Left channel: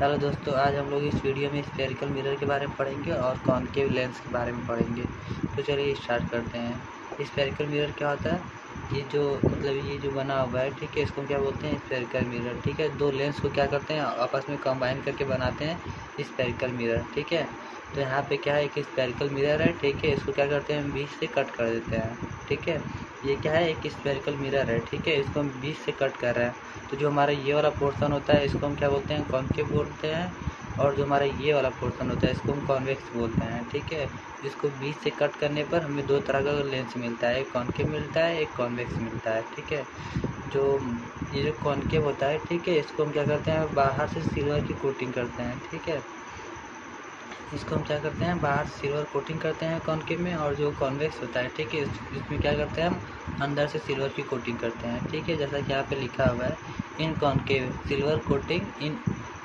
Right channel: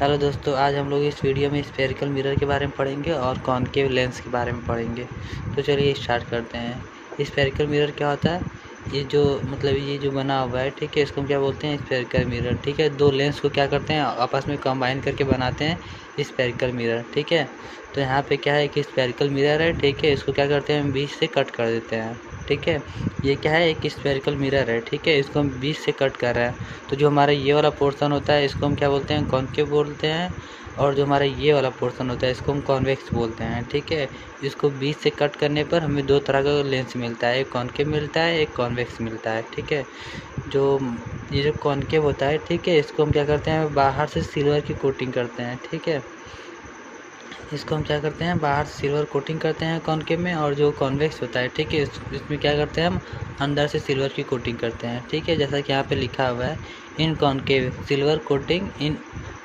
Hello दोस्तों, आज हम लोग इस वीडियो में स्फेरिकल मिरर के बारे में पढ़ेंगे और कॉनकेव लेंस के बारे में पढ़ेंगे। तो चलिए स्टार्ट करते हैं। स्फेरिकल मिरर क्या होता है? ये जो बना हुआ है, ठीक है, इसको हम क्या बोलते हैं? Spherical mirror. ठीक है, दो लेंस को क्या करते हैं, आपस में कंबाइन करके बनाते हैं स्फेरिकल मिरर। ठीक है, तो यहाँ पे क्या है कि स्फेरिकल मिरर है, ठीक है, इसको क्या करते हैं, हम बीच से कट कर देते हैं। ठीक है, ये क्या है, एक स्फेरिकल मिरर है, ठीक है, इसको हम बीच से कट कर रहे हैं। तो जो हमारा ये वाला पोर्शन होता है इसको हम क्या बोलते हैं? कॉनकेव बोलते हैं। और जो हमारा ये वाला पोर्शन होता है इसको हम कॉन्वेक्स बोलते हैं। ठीक है, इसको बीच से कट करने पर हमें दो तरह का लेंस मिलता है, एक कॉनकेव मिलता है, एक कॉन्वेक्स मिलता है। ठीक है, जो ये जो कॉनकेव होता है, ठीक है, इसको हम क्या करते हैं, बाहर से सिल्वर की कोटिंग करते हैं। ठीक है, इसको हम क्या करते हैं, बाहर सिल्वर कोटिंग करते हैं कॉनकेव में। और जो कॉन्वेक्स होता है, ठीक है, इसमें क्या करते हैं, हम अंदर से सिल्वर की कोटिंग करते हैं। ठीक है, जैसा कि यहाँ पे लिखा हुआ है, in concave silver coating in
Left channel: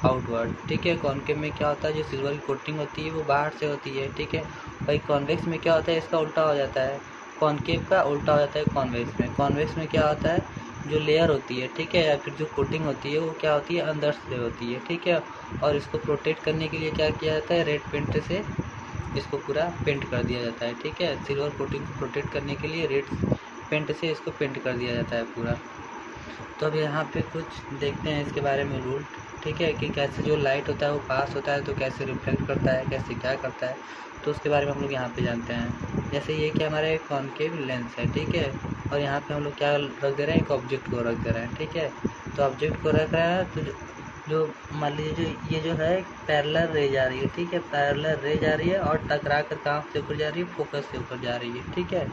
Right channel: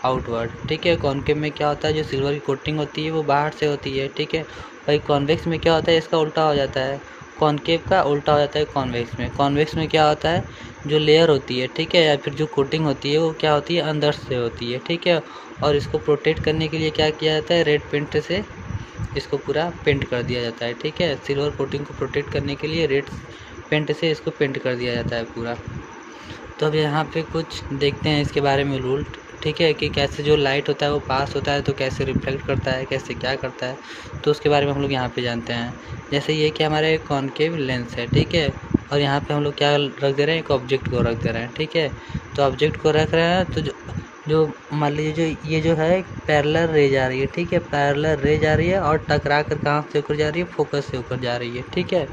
outward. ठीक है, कॉनकेव में क्या होता है, जो सिल्वर की कोटिंग होती है वो बाहर से होती है। ठीक है, भाई कॉन्वेक्स में क्या होता है, इसका उल्टा हो जाता है, कॉनकेव का उल्टा हो जाता है कॉन्वेक्स में। कॉन्वेक्स में क्या होता है, जो लेयर होती है, ठीक है, या फिर जो कोटिंग होती है वो क्या होती है, अंदर से होती है। ठीक है, और इसको प्रोटेक्ट करने के लिए क्या किया जाता है, रेड पेंट से इसको पूरा पेंट कर दिया जाता है। ठीक है, सिल्वर कोटिंग को प्रोटेक्ट करने के लिए रेड पेंट से इसको पेंट कर दिया जाता है पूरा। तो अब यहाँ पे कुछ देखते हैं इसके बारे में रूल। ठीक है, कि कैसे जो लाइट होता है वो पास होता है तो कैसे रिफ्लेक्ट करता है, कैसे क्या करता है, तो उसके बारे में हम लोग यहाँ पे जानते हैं। जैसे ये कि हमारे कॉनकेव लेंस है, ठीक है, और यहाँ पे हम लोग क्या रख दे रहे हैं, एक ऑब्जेक्ट को रख दे रहे हैं। ठीक है, तो ऑब्जेक्ट को रख रहे हैं तो जो मान लीजिए जो ये जो है पैरेलल रे जा रही है। ठीक है, पैरेलल रे जा रही है और टकरा कर कहाँ से होकर जा रही है, फोकस से होकर जा रही है। ठीक है,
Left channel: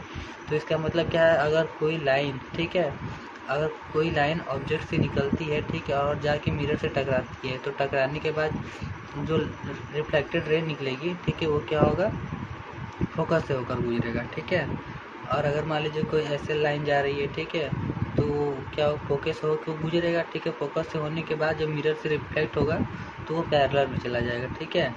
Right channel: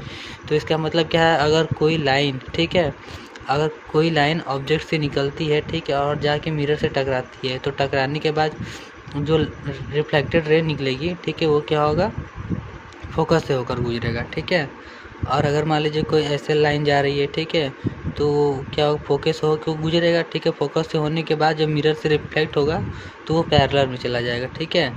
तो इसका मतलब क्या है, अगर कोई लाइन, ठीक है, अगर कोई लाइन ऑब्जेक्ट से निकलती है, ठीक है, और जाके मिरर से टकराती है, तो टकराने के बाद जो रिफ्लेक्टेड रे निकलेगी, ठीक है, वो क्या होगा, फोकस से होकर गुजरेगा। ठीक है, और अगर मान लीजिए कोई ऐसे लाइन जा रही है, ठीक है, तो क्या फोकस हो क्यों गुजरेगा। ठीक है, फोकस से होने के बाद जब मिरर से रिफ्लेक्ट होगा तो वो पैरेलल में चला जाएगा। ठीक है,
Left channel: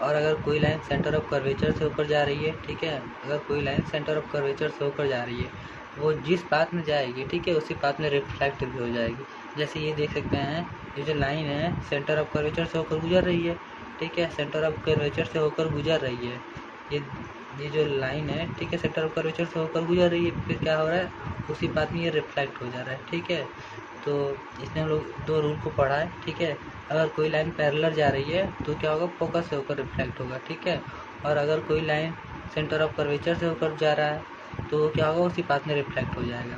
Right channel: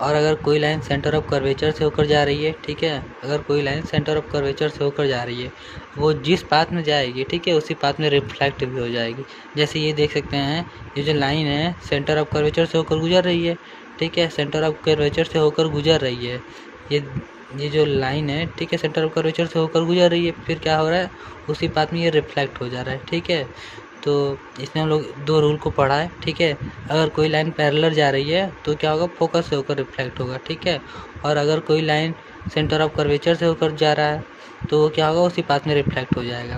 और अगर कोई लाइन सेंटर ऑफ कर्वेचर से होकर जा रही है, ठीक है, अगर कोई लाइन सेंटर ऑफ कर्वेचर से होकर जा रही है, वो जिस पाथ में जाएगी, ठीक है, उसी पाथ में रिफ्लेक्ट भी हो जाएगी। जैसे ये देख सकते हैं, ये जो लाइन है सेंटर ऑफ कर्वेचर से होकर गुजर रही है। ठीक है, सेंटर ऑफ कर्वेचर से होकर गुजर रही है, ये ये जो लाइन है, ठीक है, सेंटर ऑफ कर्वेचर से होकर गुजर रही है, फिर क्या हो रहा है, उसी पाथ में ये रिफ्लेक्ट हो जा रहा है। ठीक है, तो इसमें हम लोग दो रूल को पढ़ा है। ठीक है, अगर कोई लाइन पैरेलल जा रही है तो क्या होगा, फोकस से होकर रिफ्लेक्ट होगा। ठीक है, और अगर कोई लाइन सेंटर ऑफ कर्वेचर से होकर जा रहा है तो क्या होगा, उसी पाथ में रिफ्लेक्ट हो जाएगा।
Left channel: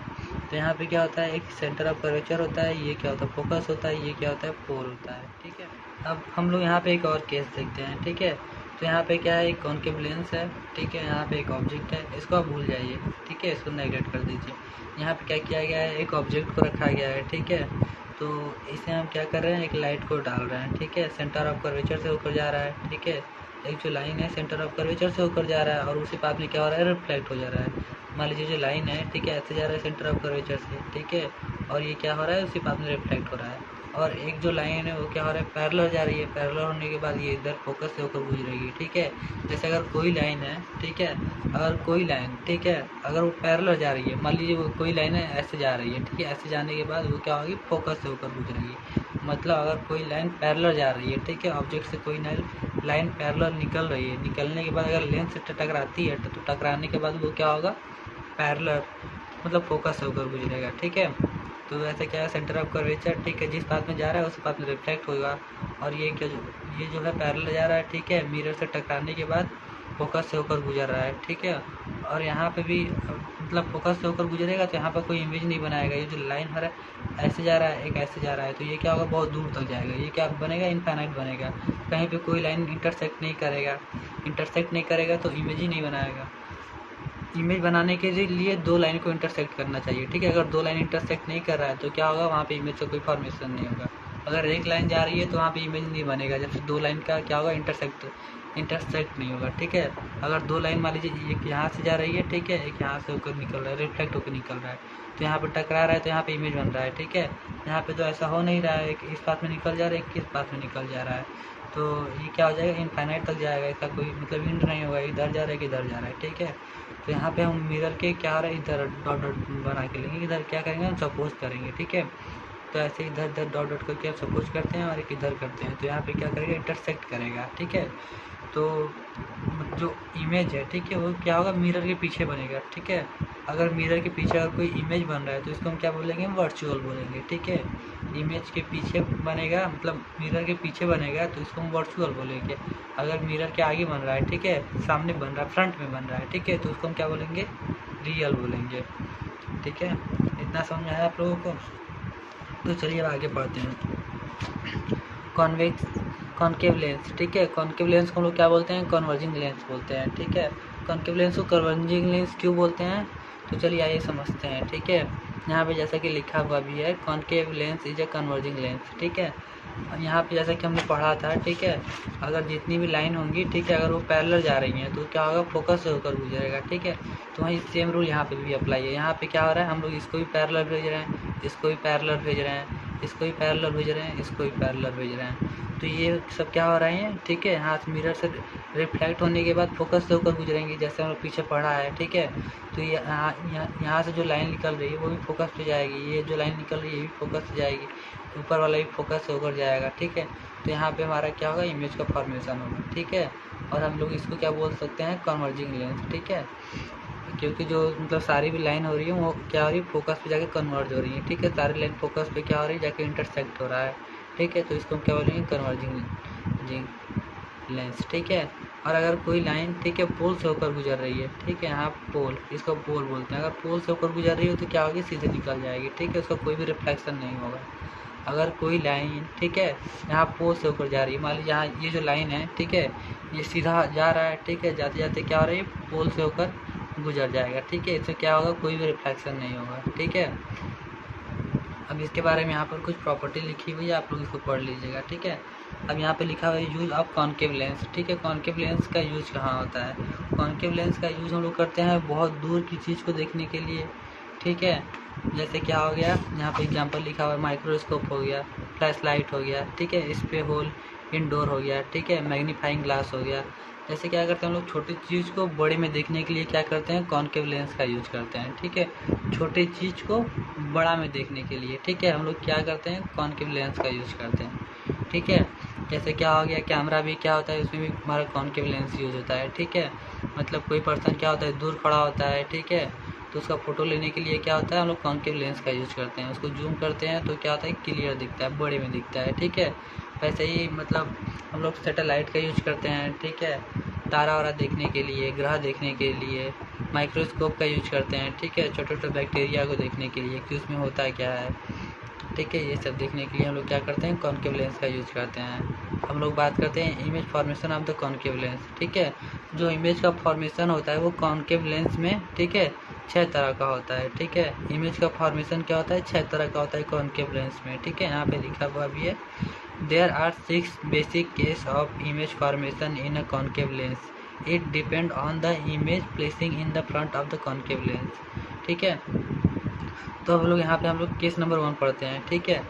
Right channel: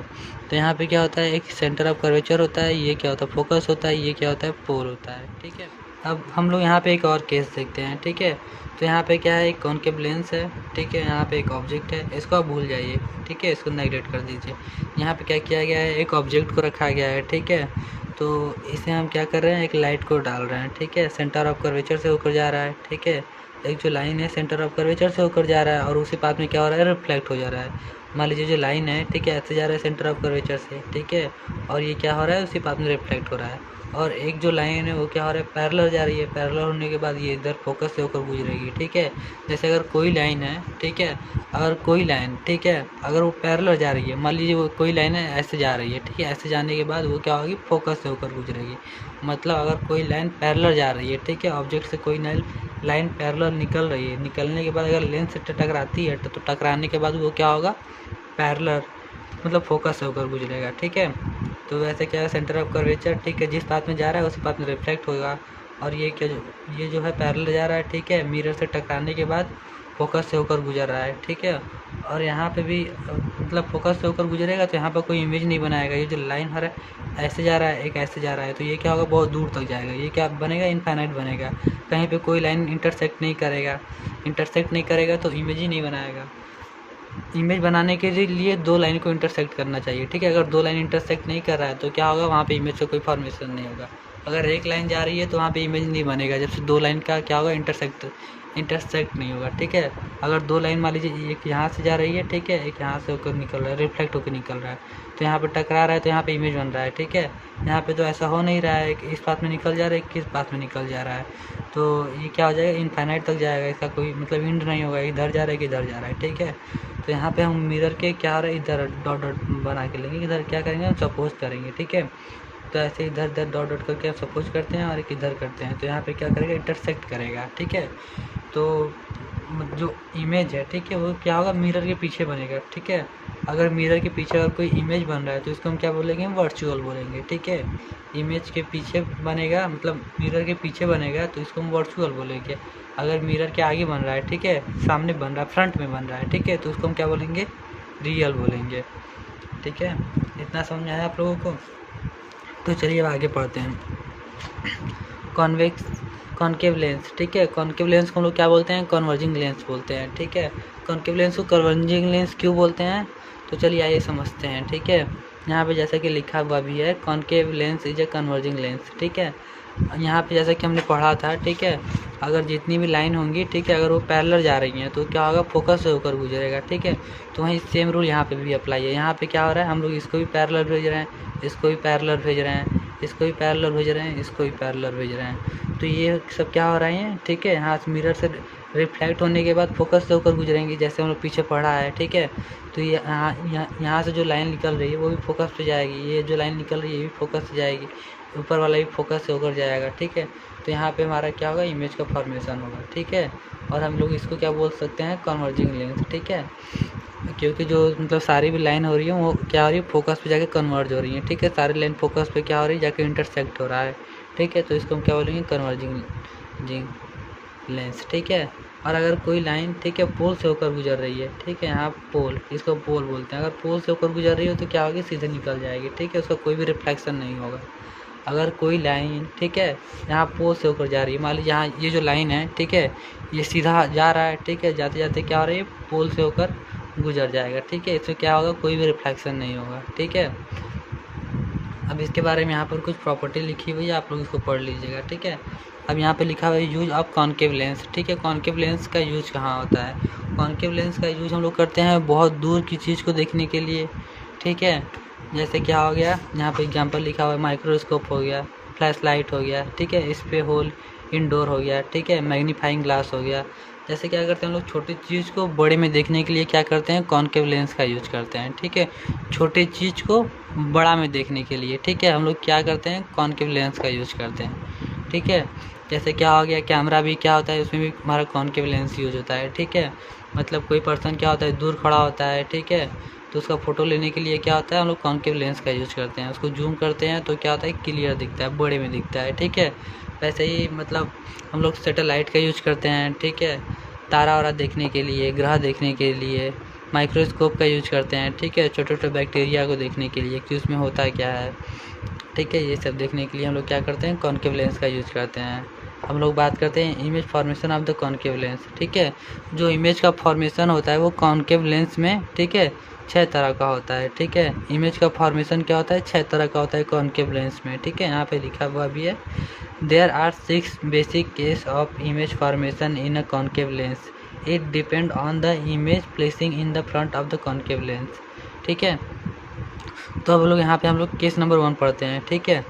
तो यहाँ पे क्या होता है, एक सेंटर ऑफ कर्वेचर होता है, ये क्या होता है, फोकस होता है, ये क्या होता है, पोल होता है। ठीक है, अब हम लोग यहाँ पे एक और केस देखते हैं। ठीक है, तो यहाँ पे क्या है, एक कॉनकेव लेंस है। ठीक है, यहाँ पे एक ऑब्जेक्ट है, इसको आप भूल जाइए। ठीक है, इसको नेगलेक्ट कर दीजिए। यहाँ पे क्या किया गया है, एक ऑब्जेक्ट को रखा गया है। ठीक है, तो इसे हम क्या कर रहे हैं, एक लाइट को डाल रहे हैं। ठीक है, सेंटर ऑफ कर्वेचर से होकर जा रहा है। ठीक है, एक जो लाइन है सेंटर ऑफ कर्वेचर से होकर जा रहा है और उसी पाथ में क्या हो रहा है, रिफ्लेक्ट हो जा रहा है। मान लीजिए जो लाइन है, ठीक है, ऐसे जा रहा है सेंटर ऑफ कर्वेचर से, ठीक है, और ये क्या हो रहा है, उसी पाथ में रिफ्लेक्ट हो रहा है। और एक जो लाइन है वो क्या हो रहा है, पैरेलल जा रही है, पैरेलल होने के बाद ये इधर फोकस से होकर गुजरेगी। ठीक है, जैसे अगर कोई लाइन है, ठीक है, अगर कोई लाइन, ठीक है, अगर वो पैरेलल जा रही है, मान लीजिए वो कोई लाइन है ऐसे जा रही है, ठीक है, ऐसे जाने के बाद वो क्या होगी, फोकस से होकर गुजरेगी। मतलब अगर कोई लाइन पैरेलल जा रही है, ठीक है, ऑब्जेक्ट से कोई लाइन पैरेलल निकल रही है, निकलने के बाद अगर लेंस से टकराती है तो टकराने के बाद वो क्या होगा, पैरेलल, मतलब फोकस से होकर गुजरेगा। ठीक है, तो वैसे क्या है, सेंटर ऑफ कर्वेचर, ठीक है, जिस पाथ में जा रहा है उस पाथ में रिफ्लेक्ट होगा। और ये क्या, ये जो है पैरेलल जा रहा है, ठीक है, मिरर से टकराने के बाद फोकस से होकर गुजर रहा है। ठीक है, और यहाँ पे भी मतलब फोकस से होकर गुजरेगा तो यहाँ पे कोई इमेज नहीं बनाएगा। ये जो लाइन हर ऐसे जा रहा है, एक ऐसे जा रहा है, तो ये क्या होगा, बहुत दूर तक जाएगा। ये क्या बनेगा, इनफाइनाइट बनेगा, कहीं पे कोई लाइन इंटरसेक्ट नहीं करेगा। इंटरसेक्ट नहीं करेगा तो इमेज ही नहीं बनाएगा। इमेज बनाने के लिए दो लाइन को इंटरसेक्ट करना चाहिए। ठीक है, अगर दो लाइन इंटरसेक्ट नहीं कर रहा है तो क्या होगा, वहाँ पे इमेज से कोई फॉर्मेशन नहीं होगा। अगर एक लाइन जा रही है तो वहाँ पे इमेज नहीं बनेगा, जब से दो लाइन का क्या होगा, इंटरसेक्ट नहीं होगा। ठीक है, अगर दो लाइन मान लीजिए एक यहाँ से जा रही है, ठीक है, एक यहाँ से होकर निकल रहा है, रिफ्लेक्ट होकर निकल रहा है, तो यहाँ पे टकरा रहा है तो यहाँ पे इमेज बन रहा है। ठीक है, यहाँ पे तो ऐसा हो नहीं रहा है, एक इस पाथ में निकल जा रहा है, एक किस पाथ में निकल जा रहा है, तो ये क्या हो जाएगा, इनफाइनाइट तक जाएगा, इसका कोई मतलब एंड नहीं होगा, इधर जा रहा है कि इधर जा रहा है। ठीक है, तो यहाँ पे हम मिरर के क्या हो रहा है, इधर डॉट डॉट बना के लेंगे, इधर क्या करेंगे, सपोज करेंगे। ठीक है, तो ऐसे इधर उधर डॉट डॉट करके आप सपोज करते हैं और एक इधर करते हैं, तो यहाँ पे क्या करेगा, इंटरसेक्ट करेगा, ठीक है। तो जो इमेज है, ठीक है, वो क्या होगा, मिरर के पीछे बनेगा, ठीक है। अगर मिरर के पीछे अगर कोई इमेज बन रहा है तो इसको हम क्या बोलेंगे, वर्चुअल बोलेंगे, ठीक है। इमेज के पीछे बनेगा, मतलब मिरर के पीछे बनेगा तो इसको हम वर्चुअल बोलेंगे। अगर मिरर के आगे बन रहा है, ठीक है, सामने बन रहा है, फ्रंट में बन रहा है, ठीक है, तो उसको हम क्या बोलेंगे, रियल बोलेंगे, ठीक है। इतना समझ आया आप लोगों को? तो चलिए अब आगे पढ़ते हैं। कॉन्वेक्स कॉन्केव लेंस, ठीक है। कॉन्केव लेंस को हम लोग क्या बोलते हैं, कन्वर्जिंग लेंस बोलते हैं, ठीक है। कॉन्केव लेंस को कन्वर्जिंग लेंस क्यों बोलते हैं, तो चलिए आइए समझते हैं, ठीक है। यहाँ पे जैसा कि लिखा हुआ भी है, concave lens is a converging lens, ठीक है। यहाँ पे जैसा कि हमने पढ़ा था, ठीक है, अगर जितनी भी लाइन होंगी, ठीक है, अगर वो पैरेलल जा रही हैं तो क्या होगा, फोकस से होकर गुजरेगा, ठीक है। तो वहीं सेम रूल यहाँ पे भी अप्लाई है। यहाँ पे क्या हो रहा है, हम लोग इसको भी पैरेलल भेज रहे हैं, इसको भी पैरेलल भेज रहे हैं, इसको भी पैरेलल भेज रहे हैं, इसको भी पैरेलल भेज रहे हैं। तो ये सब क्या हो रहे हैं, ठीक है, यहाँ मिरर से रिफ्लेक्ट होने के बाद फोकस से होकर गुजरेंगे, जैसे हम लोग पीछे पढ़ा है, ठीक है। तो ये यहाँ से जो लाइन निकल रही है वो भी फोकस पे जाएगी, ये जो लाइन निकल रही है ये भी फोकस से जाएगी, ऊपर वाला भी फोकस से होकर जाएगा, ठीक है। तो यहाँ पे हमारा क्या होगा, इमेज का फॉर्मेशन होगा, ठीक है। और हम लोग इसको क्या बोल सकते हैं, कन्वर्जिंग लेंस, ठीक है। क्योंकि जो मतलब सारी भी लाइन हो रही है वो क्या हो रही है, फोकस पे जाके कन्वर्ज हो रही है, ठीक है। सारी लाइन फोकस पे क्या हो रही है, जाके इंटरसेक्ट हो रहा है, ठीक है। तो इसको हम क्या बोलेंगे, कन्वर्जिंग लेंस, ठीक है। और अगर कोई लाइन, ठीक है, पोल से होकर गुजर रही है, ठीक है, यहाँ पोल, इसको पोल बोलते हैं, अगर पोल से होकर गुजर रही हो तो क्या होगी, सीधे निकल जाएगी, ठीक है, उसका कोई भी रिफ्लेक्शन नहीं होगा। अगर कोई लाइन, ठीक है, यहाँ पोल से होकर जा रही है, मान लीजिए यहाँ ये जो लाइन है, ठीक है, ये सीधा जा रहा है, ठीक है, जाते जाते क्या हो रही है, पोल से होकर गुजर जाएगा, ठीक है। इसमें क्या होगा, कोई भी रिफ्लेक्शन नहीं होगा, ठीक है। अब इसके बारे में यहाँ पर कुछ प्रॉपर्टी लिखी हुई है, आप लोग इसको पढ़ लीजिएगा, ठीक है। अब यहाँ पे लिखा हुआ है यूज ऑफ कॉन्केव लेंस, ठीक है। कॉन्केव लेंस का यूज कहाँ होता है, कॉन्केव लेंस का यूज हम लोग करते हैं बहुत दूर की चीज़ को देखने के लिए, ठीक है। जैसे क्या हो गया, यहाँ पे एग्जांपल लिखा हुआ है, माइक्रोस्कोप हो गया, फ्लैश लाइट हो गया, ठीक है, स्प्रे होल इंडोर हो गया, ठीक है, मैग्नीफाइंग ग्लास हो गया। जैसे क्या करते हैं हम लोग, छोटी चीज़ को बड़े में देखने के लिए क्या करते हैं, कॉन्केव लेंस का यूज करते हैं, ठीक है। छोटे चीज़ को बड़ा में देखने के लिए, ठीक है, हम लोग क्या करते हैं, कॉन्केव लेंस का यूज करते हैं, ठीक है। जैसे क्या हो गया, कैमरा भी क्या होता है, उसमें भी हमारा कॉन्केव लेंस यूज होता है, ठीक है। मतलब कोई पर्सन क्या होता है, दूर खड़ा होता है, ठीक है, तो उसका फ़ोटो लेने के लिए क्या होता है, हम लोग कॉन्केव लेंस का यूज करते हैं, उसको जूम करते हैं तो क्या होता है, क्लियर दिखता है, बड़े में दिखता है, ठीक है। वैसे ही मतलब हम लोग सैटेलाइट का यूज करते हैं, ठीक है, तारा वारा देखने के लिए, ग्रह देखने के लिए। माइक्रोस्कोप का यूज करते हैं, ठीक है, छोटे छोटे बैक्टीरिया को देखने के लिए कि उसमें होता क्या है, ठीक है। ये सब देखने के लिए हम लोग क्या करते हैं, कॉन्केव लेंस का यूज करते हैं। हम लोग बात करते हैं image formation of the concave lens, ठीक है। जो इमेज का फॉर्मेशन होता है वो कॉन्केव लेंस में, ठीक है, 6 तरह का होता है, ठीक है। इमेज का फॉर्मेशन क्या होता है, 6 तरह का होता है कॉन्केव लेंस में, ठीक है। यहाँ पे लिखा हुआ भी है, there are 6 basic case of image formation in a concave lens, it depend on the image placing in the front of the concave lens, ठीक है। तो हम लोग यहाँ पे हम लोग केस नंबर 1 पढ़ते हैं, ठीक है।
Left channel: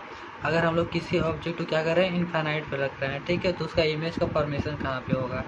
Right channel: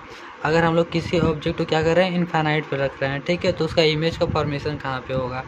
अगर हम लोग किसी ऑब्जेक्ट को क्या कर रहे हैं, इनफाइनाइट पे रख रहे हैं, ठीक है, तो उसका इमेज का फॉर्मेशन कहाँ पे होगा,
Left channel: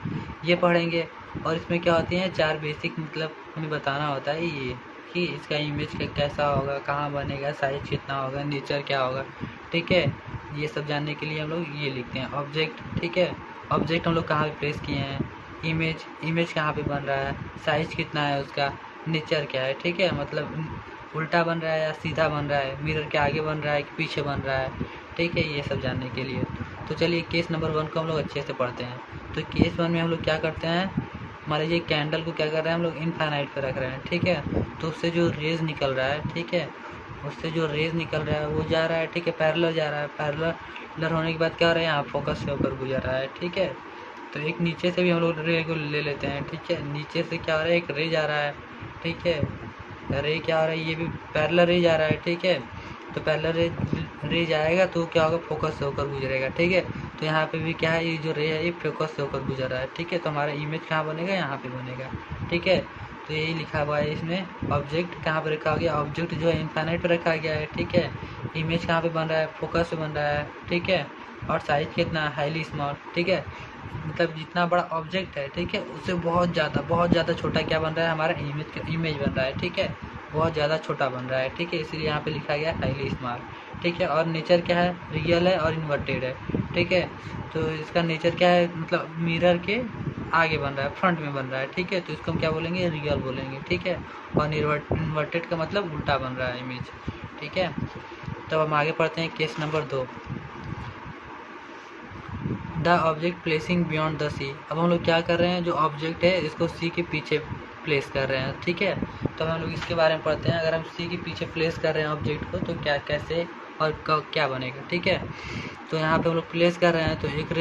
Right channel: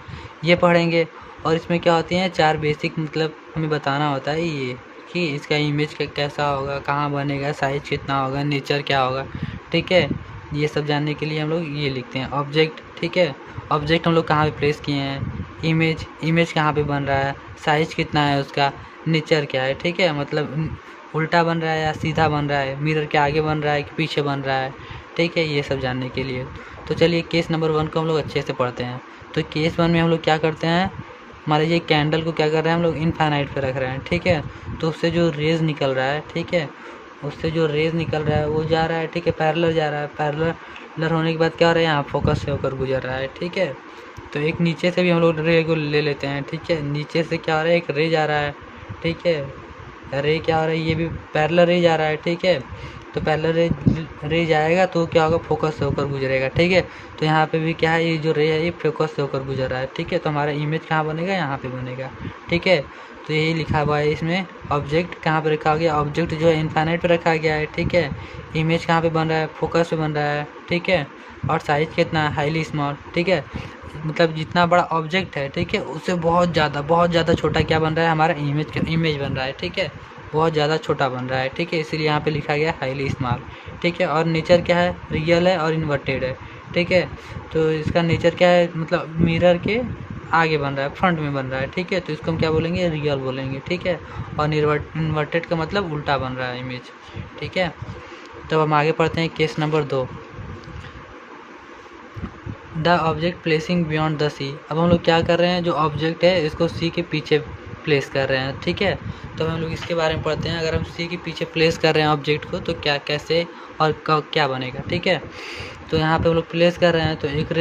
ये पढ़ेंगे। और इसमें क्या होती हैं, 4 बेसिक, मतलब हमें बताना होता है ये कि इसका इमेज कैसा होगा, कहाँ बनेगा, साइज कितना होगा, नेचर क्या होगा, ठीक है। ये सब जानने के लिए हम लोग ये लिखते हैं ऑब्जेक्ट, ठीक है। ऑब्जेक्ट हम लोग कहाँ पे प्लेस किए हैं, इमेज कहाँ पे बन रहा है, साइज कितना है उसका, नेचर क्या है, ठीक है, मतलब उल्टा बन रहा है या सीधा बन रहा है, मिरर के आगे बन रहा है कि पीछे बन रहा है, ठीक है। ये सब जानने के लिए तो चलिए केस नंबर 1 को हम लोग अच्छे से पढ़ते हैं। तो केस 1 में हम लोग क्या करते हैं, मान लीजिए कैंडल को क्या कर रहे हैं हम लोग, इनफाइनाइट पे रख रहे हैं, ठीक है। तो उससे जो रेज निकल रहा है, ठीक है, उससे जो रेज निकल रहा है वो जा रहा है, ठीक है, पैरेलल जा रहा है, पैरेलल होने के बाद क्या हो रहा है, यहाँ फोकस से होकर गुजर रहा है, ठीक है। तो एक नीचे से भी हम लोग रे को ले लेते हैं, ठीक है। नीचे से क्या हो रहा है, एक रे जा रहा है, ठीक है, रे क्या हो रहा है, ये भी पैरेलल रे जा रहा है, ठीक है। तो पैरेलल रे जाएगा तो क्या होगा, फोकस से होकर गुजरेगा, ठीक है। तो यहाँ पे भी क्या है, ये जो रे है ये फोकस से होकर गुजर रहा है, ठीक है। तो हमारा इमेज कहाँ बनेगा, यहाँ पे बनेगा, ठीक है। तो यही लिखा हुआ है इसमें, ऑब्जेक्ट कहाँ पे रखा गया, ऑब्जेक्ट जो है इनफाइनाइट पे रखा गया है, ठीक है। इमेज कहाँ पे बन रहा है, फोकस पे बन रहा है, ठीक है। और साइज कितना है, हाईली स्मॉल, ठीक है। मतलब जितना बड़ा ऑब्जेक्ट है, ठीक है, उससे बहुत ज़्यादा छोटा क्या बन रहा है, हमारा इमेज बन रहा है, ठीक है, बहुत ज़्यादा छोटा बन रहा है, ठीक है। इसीलिए यहाँ पे लिखा गया हाईली स्मॉल, ठीक है। और नेचर क्या है, रियल है और इन्वर्टेड है, ठीक है। तो इसका नेचर क्या है, मतलब मिरर के आगे बन रहा है, फ्रंट में बन रहा है, ठीक है। तो इसको हम क्या बोलेंगे, रियल बोलेंगे, ठीक है। और इन्वर्टेड का मतलब उल्टा बन रहा है इमेज, ठीक है। तब हम आगे पढ़ते हैं case number 2, the object placing beyond the C. अब हम लोग क्या कर रहे हैं, जो ऑब्जेक्ट है इसको सी के पीछे प्लेस कर रहे हैं, ठीक है। तो हम लोग इसके बारे में पढ़ते हैं। अगर हम सी के पीछे प्लेस कर रहे हैं ऑब्जेक्ट को तो क्या, कैसे और क्या बनेगा, ठीक है। तो यहाँ पे हम लोग प्लेस कर रहे हैं तो एक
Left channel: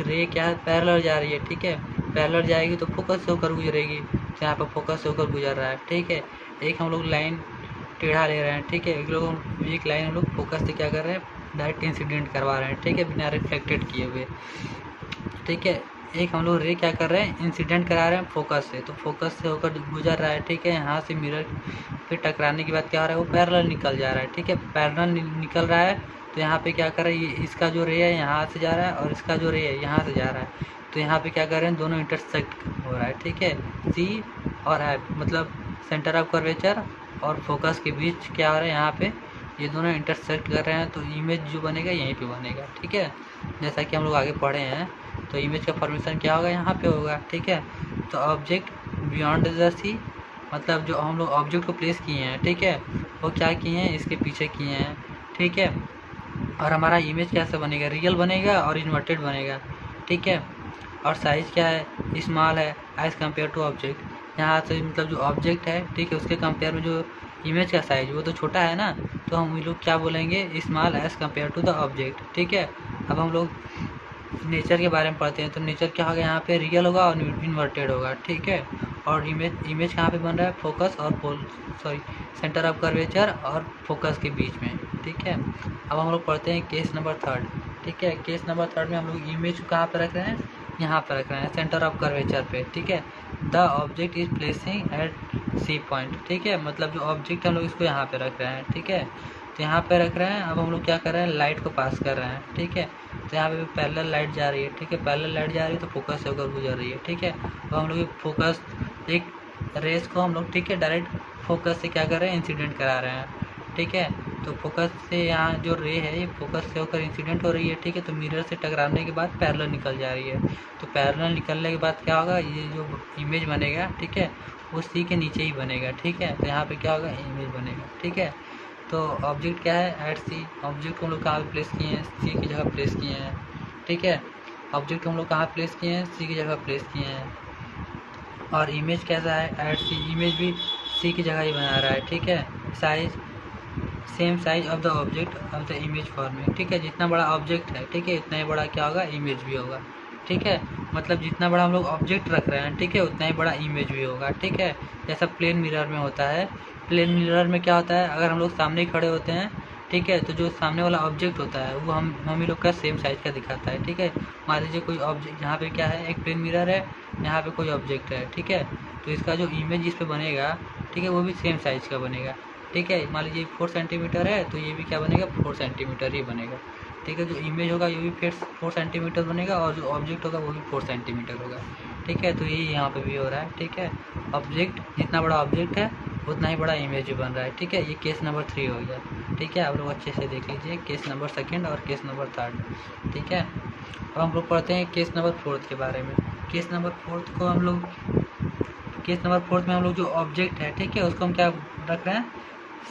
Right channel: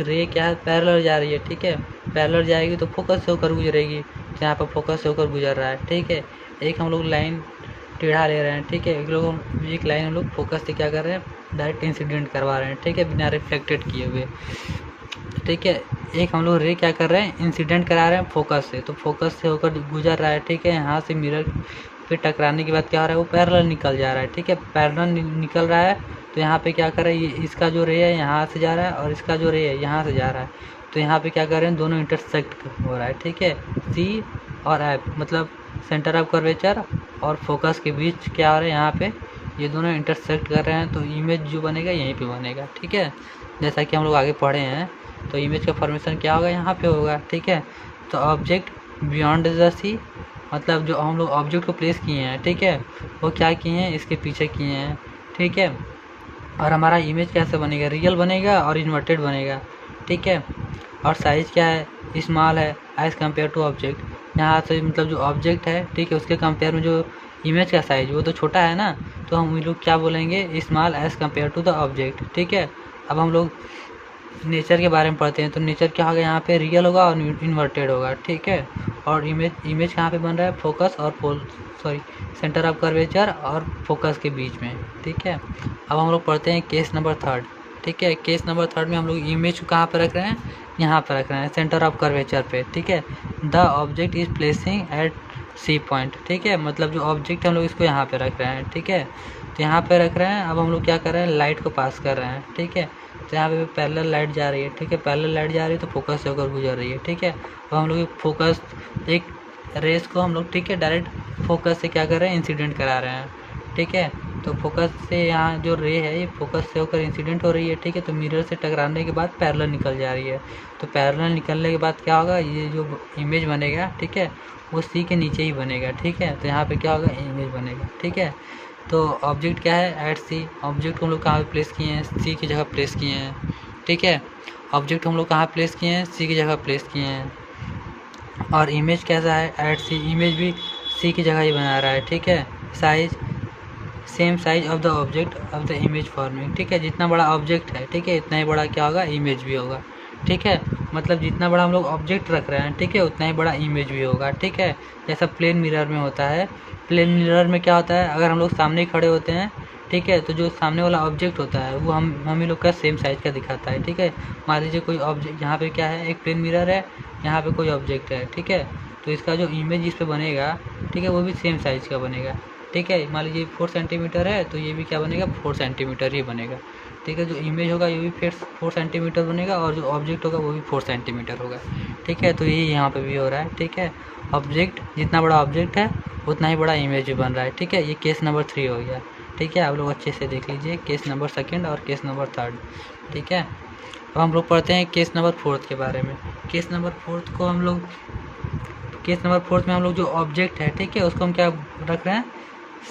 रे क्या है, पैरेलल जा रही है, ठीक है। पैरेलल जाएगी तो फोकस होकर गुजरेगी, तो यहाँ पर फोकस होकर गुजर रहा है, ठीक है। एक हम लोग लाइन टेढ़ा ले रहे हैं, ठीक है। एक लाइन हम लोग फोकस से क्या कर रहे हैं, डायरेक्ट इंसिडेंट करवा रहे हैं, ठीक है, बिना रिफ्लेक्टेड किए हुए, ठीक है। एक हम लोग रे क्या कर रहे हैं, इंसिडेंट करा रहे हैं फोकस से, तो फोकस से होकर गुजर रहा है, ठीक है। यहाँ से मिरर के टकराने के बाद क्या हो रहा है, वो पैरेलल निकल जा रहा है, ठीक है। पैरेलल निकल रहा है तो यहाँ पे क्या कर रहे हैं, इसका जो रे है यहाँ से जा रहा है और इसका जो रे है यहाँ से जा रहा है, तो यहाँ पे क्या कर रहे हैं, दोनों इंटरसेक्ट हो रहा है, ठीक है। सी और एफ मतलब सेंटर ऑफ कर्वेचर और फोकस के बीच क्या हो रहा है, यहाँ पे ये दोनों इंटरसेक्ट कर रहे हैं, तो इमेज जो बनेगा यहीं पे बनेगा, ठीक है। जैसा कि हम लोग आगे पढ़े हैं, तो इमेज का फॉर्मेशन क्या होगा, यहाँ पे होगा, ठीक है। तो ऑब्जेक्ट बियॉन्ड द सी मतलब जो हम लोग ऑब्जेक्ट को प्लेस किए हैं, ठीक है, वो क्या किए हैं, इसके पीछे किए हैं, ठीक है। और हमारा इमेज कैसे बनेगा, रियल बनेगा और इन्वर्टेड बनेगा, ठीक है। और साइज़ क्या है, स्मॉल है एज़ कम्पेयर टू ऑब्जेक्ट। यहाँ से मतलब जो ऑब्जेक्ट है, ठीक है, उसके कंपेयर में जो इमेज का साइज वो तो छोटा है ना, तो हम लोग क्या बोलेंगे, small as compare to the object, ठीक है। अब हम लोग नेचर के बारे में पढ़ते हैं। तो नेचर क्या होगा, यहाँ पे रियल होगा और इन्वर्टेड होगा, ठीक है। और इमेज कहाँ पे बन रहा है, फोकस और सेंटर ऑफ कर्वेचर और फोकस के बीच में, ठीक है। अब हम लोग पढ़ते हैं केस नंबर 3, ठीक है। केस नंबर 3 में हम लोग इमेज को कहाँ पर रख रहे हैं, यहाँ पर रख रहे हैं, सेंटर ऑफ कर्वेचर पे, ठीक है। The object is placing at C point, ठीक है। मतलब जो ऑब्जेक्ट हम लोग इसको यहाँ पे रख रहे हैं, ठीक है। तो यहाँ पे रख रहे हैं। अब हम लोग क्या कर रहे हैं, लाइट को पास कर रहे हैं, ठीक है। तो यहाँ पे पैरेलल लाइट जा रही है, ठीक है। पैरेलल लाइट जा रही है तो फोकस से होकर गुजर रही है, ठीक है। अब हम लोग फोकस एक रेस को हम लोग, ठीक है, डायरेक्ट फोकस से क्या कर रहे हैं, इंसिडेंट करा रहे हैं, ठीक है। तो फोकस से यहाँ जो रे है ये फोकस से होकर इंसिडेंट हो रही है, ठीक है। तो मिरर से टकराने के बाद पैरेलल निकल जा रही है, तो पैरेलल निकलने के बाद क्या होगा, ये जो इमेज बनेगा, ठीक है, वो सी के नीचे ही बनेगा, ठीक है। तो यहाँ पे क्या होगा, इमेज बनेगा, ठीक है। तो ऑब्जेक्ट क्या है, एट सी। ऑब्जेक्ट को हम लोग कहाँ पे प्लेस किए हैं, सी की जगह प्लेस किए हैं, ठीक है। ऑब्जेक्ट हम लोग कहाँ प्लेस किए हैं, सी की जगह प्लेस किए हैं। और इमेज कैसा है, एट सी। इमेज भी सी की जगह ही बना रहा है, ठीक है। Size same size of the object of the image forming, ठीक है। जितना बड़ा ऑब्जेक्ट है, ठीक है, इतना ही बड़ा क्या होगा, इमेज भी होगा, ठीक है। मतलब जितना बड़ा हम लोग ऑब्जेक्ट रख रहे हैं, ठीक है, उतना ही बड़ा इमेज भी होगा, ठीक है। जैसा प्लेन मिरर में होता है। प्लेन मिरर में क्या होता है, अगर हम लोग सामने खड़े होते हैं, ठीक है, तो जो सामने वाला ऑब्जेक्ट होता है वो हम ही लोग का सेम साइज का दिखाता है, ठीक है। मान लीजिए कोई ऑब्जेक्ट, यहाँ पे क्या है, एक प्लेन मिरर है, यहाँ पे कोई ऑब्जेक्ट है, ठीक है। तो इसका जो इमेज इस पे बनेगा, ठीक है, वो भी सेम साइज का बनेगा, ठीक है। मान लीजिए 4 सेंटीमीटर है तो ये भी क्या बनेगा, 4 सेंटीमीटर ही बनेगा, ठीक है। जो इमेज होगा ये भी फिर 4 सेंटीमीटर बनेगा और जो ऑब्जेक्ट होगा वो भी 4 सेंटीमीटर होगा, ठीक है। तो यही यहाँ पे भी हो रहा है, ठीक है। ऑब्जेक्ट जितना बड़ा ऑब्जेक्ट है उतना ही बड़ा इमेज भी बन रहा है, ठीक है। ये केस नंबर 3 हो गया, ठीक है। आप लोग अच्छे से देख लीजिए केस नंबर 2 और केस नंबर 3, ठीक है। अब हम लोग पढ़ते हैं केस नंबर 4 के बारे में। केस नंबर 4 में हम लोग जो ऑब्जेक्ट है, ठीक है, उसको हम क्या रख रहे हैं,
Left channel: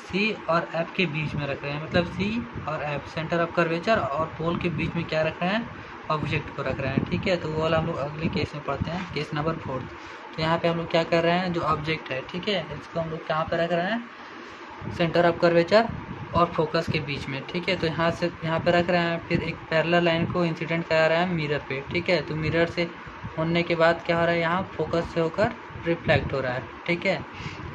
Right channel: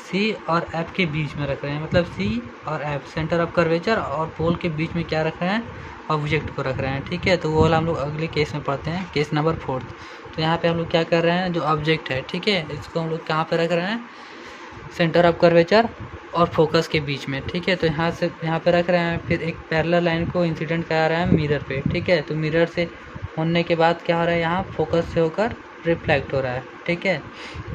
सी और एफ के बीच में रख रहे हैं। मतलब सी और एफ सेंटर ऑफ कर्वेचर और पोल के बीच में क्या रख रहे हैं, ऑब्जेक्ट को रख रहे हैं, ठीक है। तो वो वाला हम लोग अगले केस में पढ़ते हैं, केस नंबर 4। तो यहाँ पे हम लोग क्या कर रहे हैं, जो ऑब्जेक्ट है, ठीक है, इसको हम लोग कहाँ पे रख रहे हैं, सेंटर ऑफ कर्वेचर और फोकस के बीच में, ठीक है। तो यहाँ पे रख रहे हैं। फिर एक पैरेलल लाइन को इंसिडेंट करा रहा है मिरर पे, ठीक है। तो मिरर से होने के बाद क्या हो रहा है, यहाँ फोकस से होकर रिफ्लेक्ट हो रहा है, ठीक है।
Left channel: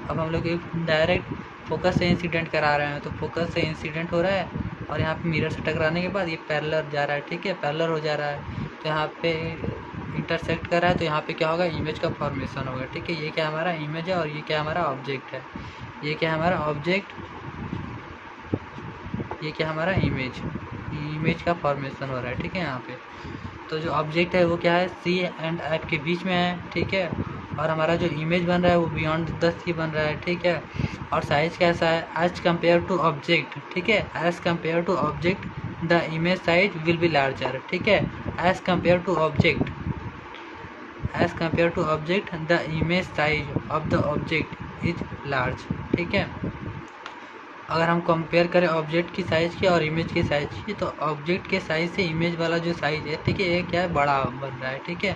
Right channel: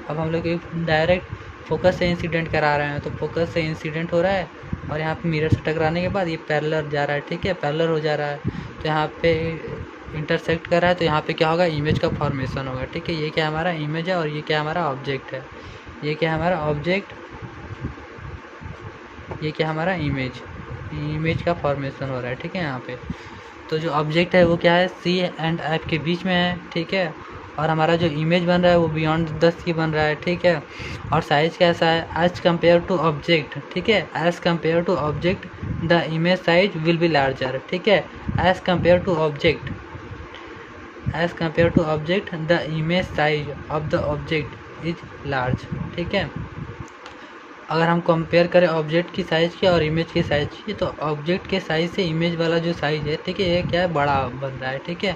अब हम लोग डायरेक्ट फोकस से इंसिडेंट करा रहे हैं, तो फोकस से इंसिडेंट हो रहा है और यहाँ पे मिरर से टकराने के बाद ये पैरेलल जा रहा है, ठीक है, पैरेलल हो जा रहा है। तो यहाँ पे इंटरसेक्ट कर रहा है, तो यहाँ पे क्या होगा, इमेज का फॉर्मेशन होगा, ठीक है। ये क्या हमारा इमेज है और ये क्या हमारा ऑब्जेक्ट है, ये क्या हमारा ऑब्जेक्ट, ये क्या हमारा इमेज का फॉर्मेशन हो रहा है, ठीक है। यहाँ पे तो जो ऑब्जेक्ट है वो क्या है, सी एंड एफ के बीच में है, ठीक है। और हमारा जो इमेज बन रहा है वो बियॉन्ड 10 की बन रहा है, ठीक है। और साइज कैसा है, एज कम्पेयर टू ऑब्जेक्ट, ठीक है, as compare to object the image size will be larger, ठीक है, as compare to object, as compare to object the image size of the object is large, ठीक है। अगर हम कंपेयर करें object की साइज़ की और इमेज की साइज़ की, तो ऑब्जेक्ट के साइज़ से इमेज वाला जो साइज़ है, ठीक है, ये क्या है, बड़ा बन रहा है, ठीक है।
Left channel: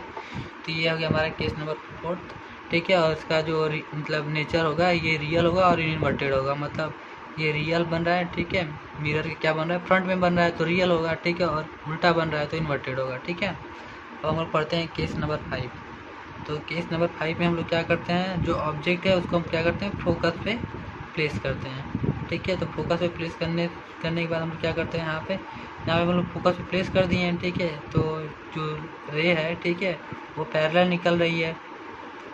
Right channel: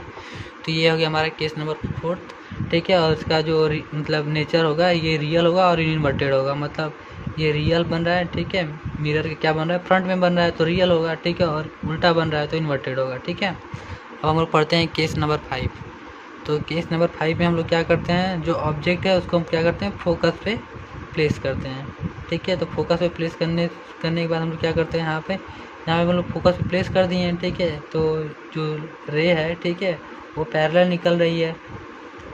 तो ये हो गया हमारा केस नंबर 4, ठीक है। और इसका जो मतलब नेचर होगा, ये रियल होगा और इन्वर्टेड होगा, मतलब ये रियल बन रहा है, ठीक है। मिरर क्या बन रहा है, फ्रंट में बन रहा है तो रियल होगा, ठीक है, और उल्टा बन रहा है तो इन्वर्टेड होगा, ठीक है। अब हम लोग पढ़ते हैं केस नंबर 5। तो केस नंबर 5 में हम लोग क्या करते हैं, जो ऑब्जेक्ट है उसको हम क्या करते हैं, फोकस पे प्लेस करते हैं, ठीक है। तो फोकस पे प्लेस करने के बाद हम लोग क्या करते हैं, यहाँ पे हम लोग फोकस पे प्लेस कर दिए हैं, ठीक है। तो जो रे है, ठीक है, वो पैरेलल निकल रही है,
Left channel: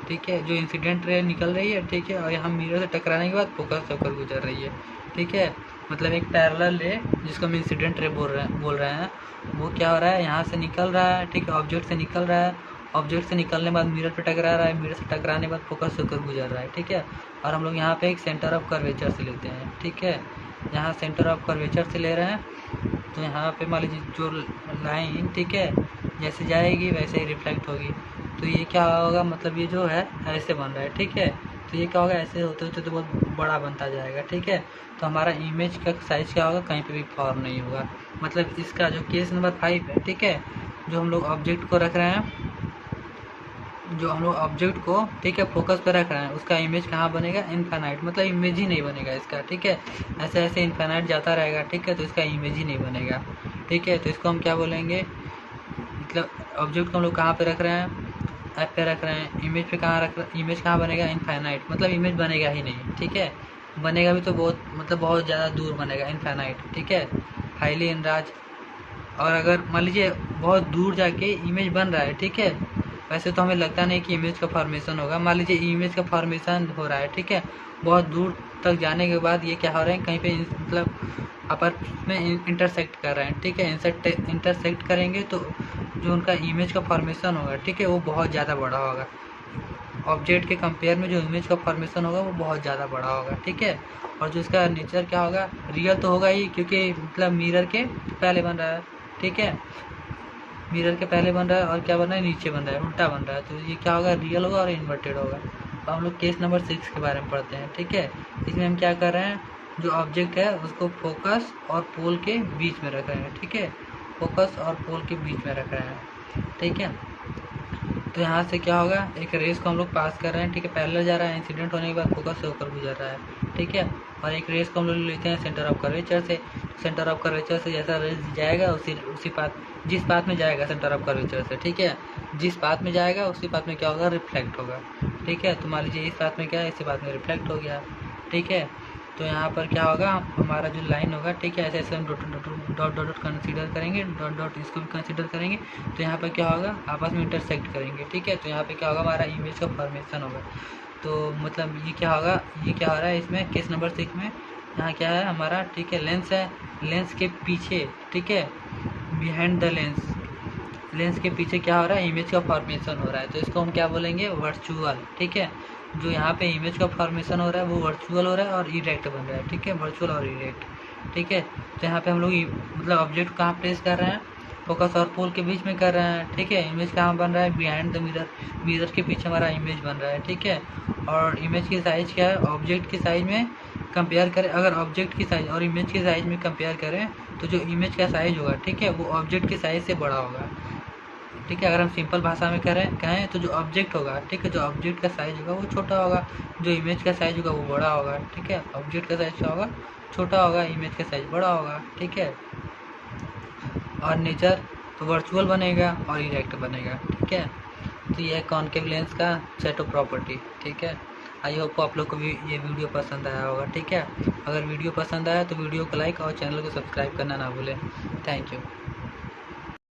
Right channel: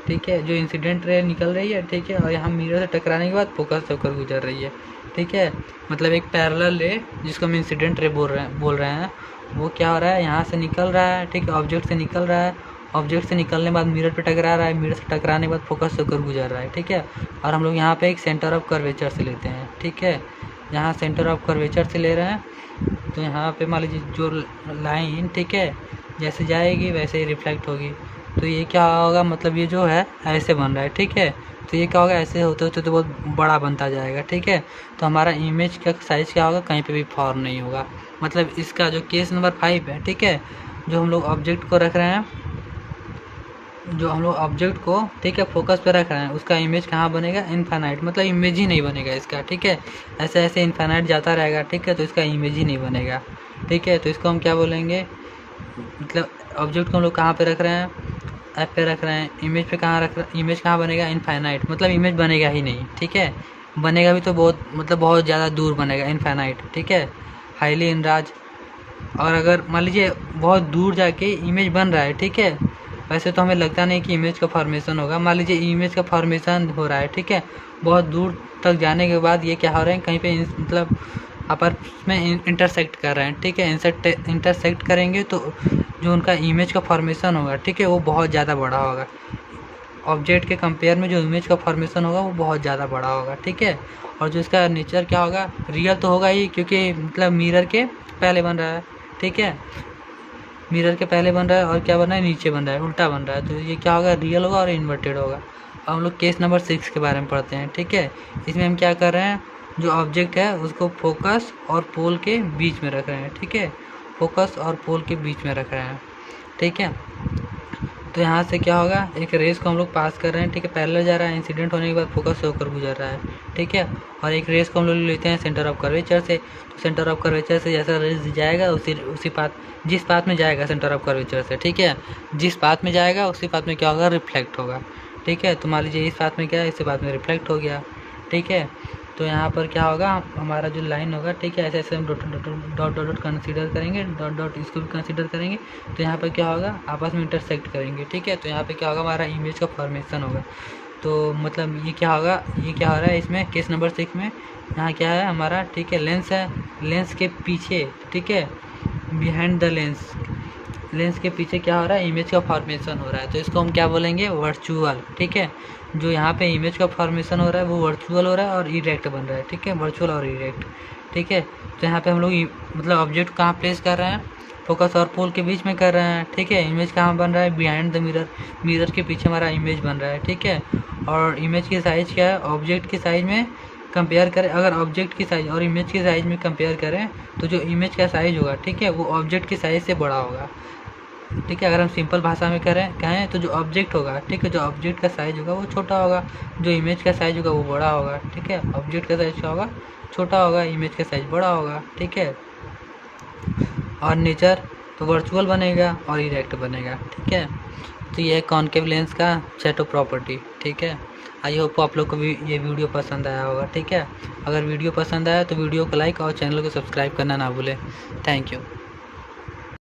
ठीक है, जो इंसिडेंट रे निकल रही है, ठीक है, और यहाँ मिरर से टकराने के बाद फोकस से होकर गुजर रही है, ठीक है। मतलब एक पैरेलल रे जिसको हम इंसिडेंट रे बोल रहे हैं, वो क्या हो रहा है, यहाँ से निकल रहा है, ठीक है, ऑब्जेक्ट से निकल रहा है, ऑब्जेक्ट से निकलने के बाद मिरर पे टकरा रहा है, मिरर से टकराने के बाद फोकस होकर गुजर रहा है, ठीक है। और हम लोग यहाँ पे एक सेंटर ऑफ कर्वेचर से लेते हैं, ठीक है, यहाँ सेंटर ऑफ कर्वेचर से ले रहे हैं। तो यहाँ पे मान लीजिए जो लाइन, ठीक है, जैसे जाएगी वैसे ही रिफ्लेक्ट होगी। तो ये क्या होगा, मतलब ये जो है ऐसे बन रहा है, ठीक है। तो ये क्या होगा, ऐसे होते होते तो बहुत बड़ा बनता जाएगा, ठीक है। तो हमारा इमेज का साइज़ क्या होगा, कहीं पे भी फॉर्म नहीं होगा। मतलब इसका जो केस नंबर 5 है, ठीक है, जो हम लोग ऑब्जेक्ट को रख रहे हैं, जो हम लोग ऑब्जेक्ट को, ठीक है, फोकस पे रख रहे हैं, उसका इमेज कहाँ बनेगा, इनफाइनाइट, मतलब इमेज ही नहीं बनेगा इसका, ठीक है। ऐसे ऐसे इनफाइनाइट जाता रहेगा, ठीक है, तो इसका इमेज ही नहीं बनेगा, ठीक है। तो इसको हम क्या बोलेंगे, मतलब ऑब्जेक्ट को हम लोग कहाँ पे रख रहे हैं, ऐप पे रख रहे हैं, इमेज पे कहाँ रख रहे हैं, इमेज कहाँ बनेगा, इनफाइनाइट, मतलब इमेज बनेगा ही नहीं, ठीक है। बनेगा भी तो बहुत, मतलब बहुत ज़्यादा दूर बनेगा, इनफाइनाइट, ठीक है, हाईली इनराज। और अगर मान लीजिए बहुत दूर जाके इमेज बन रहा है, ठीक है, वैसे तो हमें लगता नहीं कि इमेज का फॉर्मेशन होगा, मान लीजिए इमेज का फॉर्मेशन हो रहा है, ठीक है, बहुत दूर तक जाने के बाद ये क्या हो रहा है, कहीं पे मतलब आपस में इंटरसेक्ट कर रहे हैं, ठीक है। इंटरसेक्ट करेंगे तो जो उनका इमेज का फॉर्मेशन होगा, ठीक है, वो बहुत ज़्यादा बड़ा होगा, ऑब्जेक्ट के कंपेयर में जो इमेज का फॉर्मेशन होगा वो बहुत ज़्यादा बड़ा होगा, ठीक है। और जो इसका नेचर क्या होगा, रियल तो होगा ही, क्योंकि मतलब मिरर के पहले बन रहा है, ठीक है, मिरर के पहले बन रहा है, और क्या बन रहा है, नीचे बन रहा है, उल्टा बन रहा है। तो ये क्या होगा, रियल होगा और इन्वर्टेड होगा। अब हम लोग केस नंबर 6 के बारे में पढ़ते हैं, ठीक है। इसमें हम क्या कर रहे हैं, जो ऑब्जेक्ट है उसको फोकस और पोल के बीच में रख रहे हैं, ठीक है, फोकस और पोल के बीच में रख रहे हैं, ठीक है। तो यहाँ से क्या होगा, एक रेस को हम लोग पास कर रहे हैं, ठीक है, पैरेलल जा रहा है, इंसिडेंट होने के बाद फोकस होकर गुजर रहा है, ठीक है। और एक रेस को हम लोग लेते हैं सेंटर ऑफ कर्वेचर से, सेंटर ऑफ कर्वेचर से जैसा रेस जाएगा उसी पाथ, जिस पाथ में जाएगा सेंटर ऑफ कर्वेचर से, ठीक है, जिस पाथ में जाएगा उसी पाथ में क्या होगा, रिफ्लेक्ट होगा, ठीक है। तो मान लीजिए इस पाथ में क्या है, इसी पाथ में रिफ्लेक्ट हो गया, ठीक है। तो यहाँ पर क्या होगा, हमारा जो लाइन होगा, ठीक है, ऐसे ऐसे हम डॉट डॉट कंसीडर करेंगे, डॉट डॉट इसको भी कंसीडर करेंगे। तो यहाँ पर क्या होगा, आपस में इंटरसेक्ट करेंगे, ठीक है। तो यहाँ पे क्या होगा, हमारा इमेज का फॉर्मेशन होगा। तो मतलब ये क्या होगा, ये क्या हो रहा है इसमें केस नंबर 6 में, यहाँ क्या है हमारा, ठीक है, लेंस है, लेंस के पीछे, ठीक है, बिहाइंड द लेंस, लेंस के पीछे क्या हो रहा है, इमेज का फॉर्मेशन हो रहा है। तो इसको हम क्या बोलेंगे, वर्चुअल, ठीक है। जो यहाँ पे इमेज का फॉर्मेशन हो रहा है वो वर्चुअल हो रहा है और इरेक्ट बन रहा है, ठीक है, वर्चुअल और इरेक्ट, ठीक है। तो यहाँ पे हम लोग मतलब ऑब्जेक्ट कहाँ प्लेस कर रहे हैं, फोकस और पोल के बीच में कर रहे हैं, ठीक है। इमेज कहाँ बन रहा है, बिहाइंड द मिरर, मिरर के पीछे हमारा इमेज बन रहा है, ठीक है। और इमेज की साइज़ क्या है, ऑब्जेक्ट की साइज़ में कंपेयर करें, अगर ऑब्जेक्ट की साइज़ और इमेज की साइज़ में कंपेयर करें तो जो इमेज का साइज़ होगा, ठीक है, वो ऑब्जेक्ट की साइज़ से बड़ा होगा, ठीक है। अगर हम सिंपल भाषा में कहें तो जो ऑब्जेक्ट होगा, ठीक है, जो ऑब्जेक्ट का साइज़ होगा वो छोटा होगा, जो इमेज का साइज़ होगा वो बड़ा होगा, ठीक है। ऑब्जेक्ट का साइज़ क्या होगा, छोटा होगा, इमेज का साइज़ बड़ा होगा, ठीक है। और नेचर तो वर्चुअल बनेगा और इरेक्ट बनेगा, ठीक है। तो ये कॉनकेव लेंस का सेट ऑफ प्रॉपर्टी, ठीक है। आई होप आप लोग को भी ये वीडियो पसंद आया होगा, ठीक है। अगर वीडियो पसंद आया तो वीडियो को लाइक और चैनल को सब्सक्राइब करना ना भूलें। Thank you.